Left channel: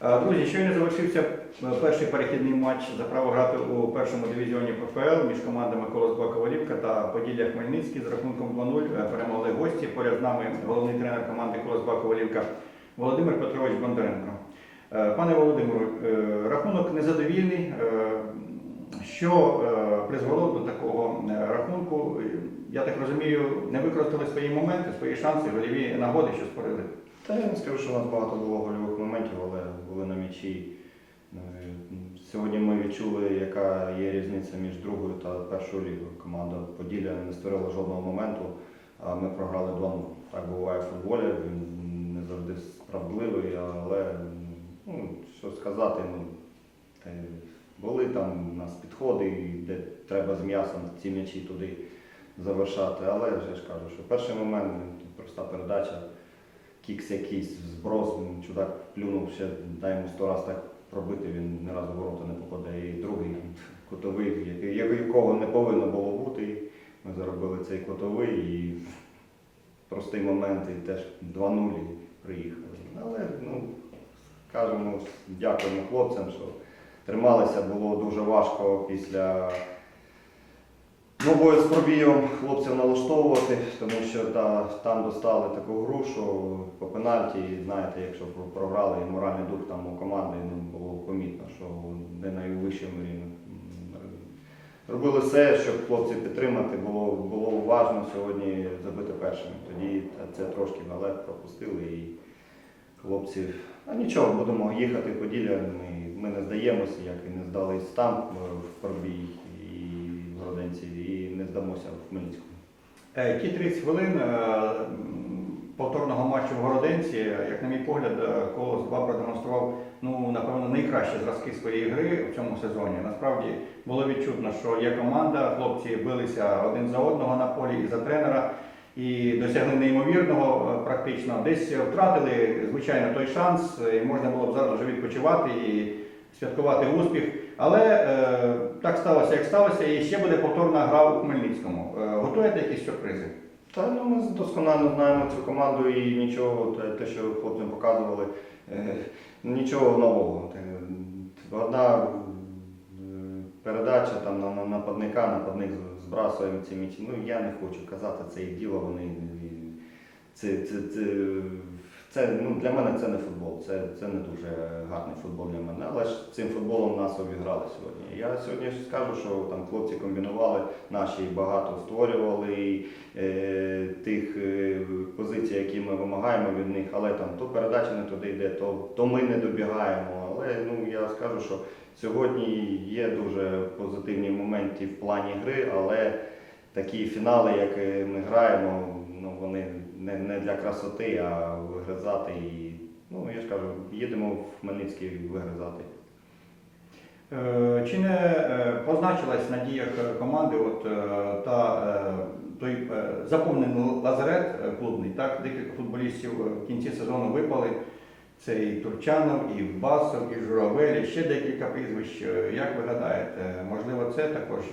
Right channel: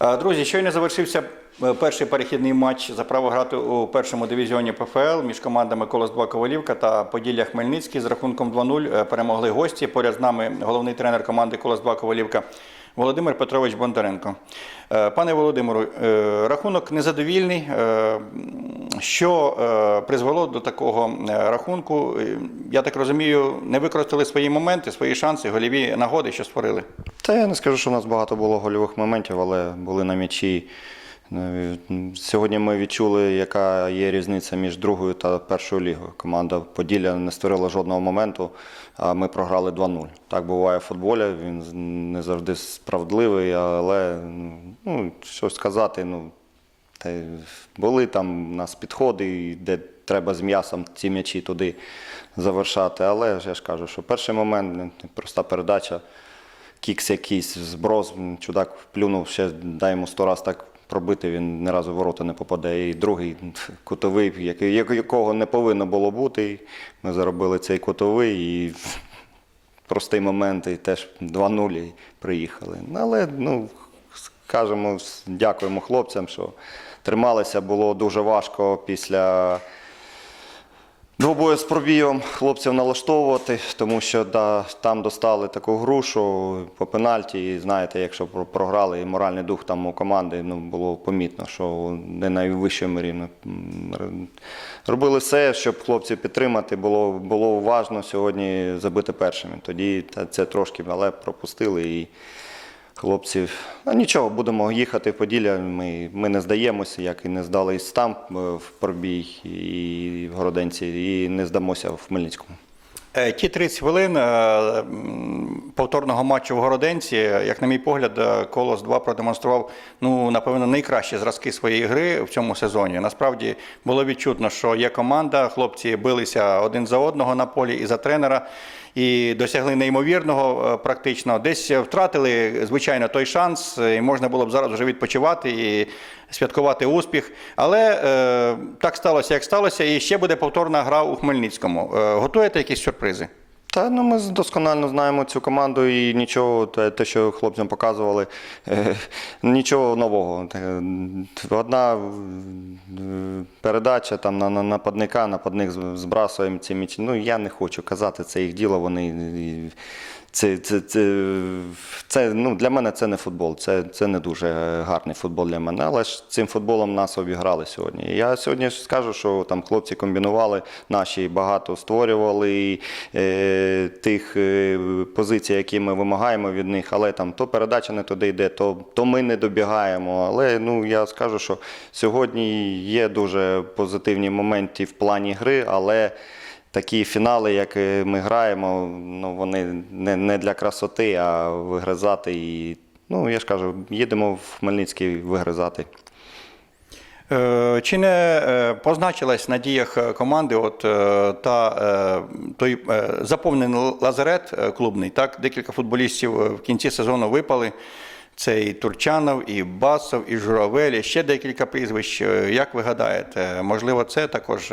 Е, Друзі, щойно завершився е, перший перехідний матч за право грати у першому дивізіоні ПФЛ між командами Колос 2 Ковалівка та Поділля Хмельницький з рахунком 2-0 е, перемогли гості. Поряд з нами головний тренер команди Колос 2 Ковалівка Володимир Петрович Бондаренко. Пане Володимиру, рахунок незадовільний. Що е, призвело до такого е, рахунку? Я так розумію, не використали свої моменти, свої шанси, голіві нагоди, що створили. Та я не скажу, що у нас багато було гольових моментів, але були на м'ячі. Е, Сьогодні ми відчули, яка є різниця між другою та першою лігою. Команда Поділля не створила жодного моменту, а ми програли 2-0. Так буває в футболі, він не завжди справедливий, але ну, що сказати, ну, та були там у нас підходи, де треба з м'ясом ці м'ячі туди завершати. Але я ж кажу, що перший момент ну, проста передача, кікс якийсь, зброс, чудак плюнув, ще дай йому сто раз так пробити, він ні разу в ворота не попаде. І другий кутовий, якого не повинно було бути. Ми заробили цей кутовий і простий момент, і теж 2-0 приїхали. Але ну, скажемо, дякуємо хлопцям, що трималися. Було дуже важко після двобою з пробієм хлопців налаштовувати, тому що да, там достали таку гру, що по пенальті, і знаєте, якщо програли, і моральний дух там у команди ну, було помітно, що не найвищому рівні. Робили все, щоб хлопців підтримати, було, було уважно сьогодні забити першими. Тоді це трошки, але пропустили і хлопців. Ну нічого, будемо їхати в Поділля. Ми, ми не здаємося, як і не здались там е, в Пробій і в Городенці, і не здамося в Хмельницькому. Е, Ті 30 хвилин е, повторного матчу в Городенці, як на мій погляд, Колос 2 продемонстрував ну напевно найкращі зразки своєї гри в цьому сезоні. Насправді було відчутно, що є команда, хлопці билися один за одного на полі і за тренера. І досягли неймовірного е, практично. Десь втратили, звичайно, той шанс, е, і можна було б зараз вже відпочивати і святкувати успіх. Але е, так сталося, як сталося, і ще буде повторна гра у Хмельницькому. Е, готуєте якісь сюрпризи? Та ну ми досконально знаємо цю команду і нічого, те, що хлопцям показували, е, нічого нового. Е, Одна е, передача там на, на нападника, нападник збрасує ці м'ячі. Ну я не хочу казати, це їх діло. Вони це, це, це, це ну, для мене це не футбол. Це, це не дуже гарний футбол для мене. Але ж цим футболом нас обіграли сьогодні. Я сьогодні скажу, що там хлопці комбінували, наші багато створювали і, е, тих е, позицій, які ми вимагаємо від них. Але там то передача не туди йде, то, то ми не добігаємо. Але ну я скажу, що сьогодні є дуже позитивні моменти в плані гри, але. Такі фінали, як ми граємо, ну вони не, не для красоти, а вигризати. І, ну, я ж кажу, їдемо в Хмельницький вигризати. Е, Чи не е, позначилась на діях е, команди от та той заповнений лазарет клубний? Так, декілька футболістів в кінці сезону випали. Це і Турчанов, і Басов, і Журавель, і ще декілька прізвищ. Як ви гадаєте, можливо, це також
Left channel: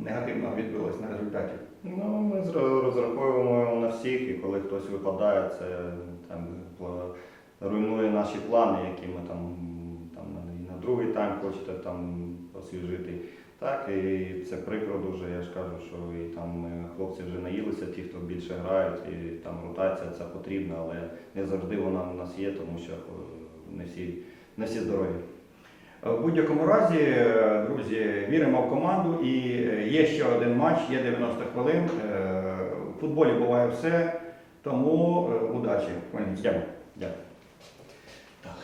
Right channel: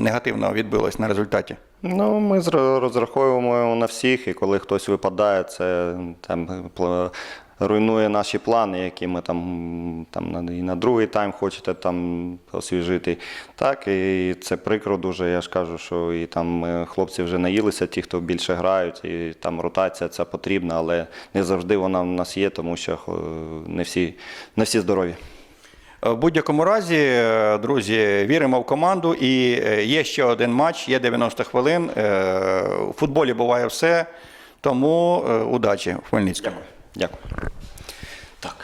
негативно відбилось на результаті? Ну, ми зра- розраховуємо на всіх, і коли хтось випадає, це там руйнує наші плани, які ми там, там і на другий тайм хочете там освіжити. Так, і це прикро дуже. Я ж кажу, що і там е, хлопці вже наїлися, ті, хто більше грають, і там ротація ця потрібна, але не завжди вона в нас є, тому що е, не всі, не всі здорові. В будь-якому разі, е, друзі, віримо в команду. І е, є ще один матч, є 90 хвилин. Е, У футболі буває все. Тому удачі в Хмельницькому. Дякую. Так.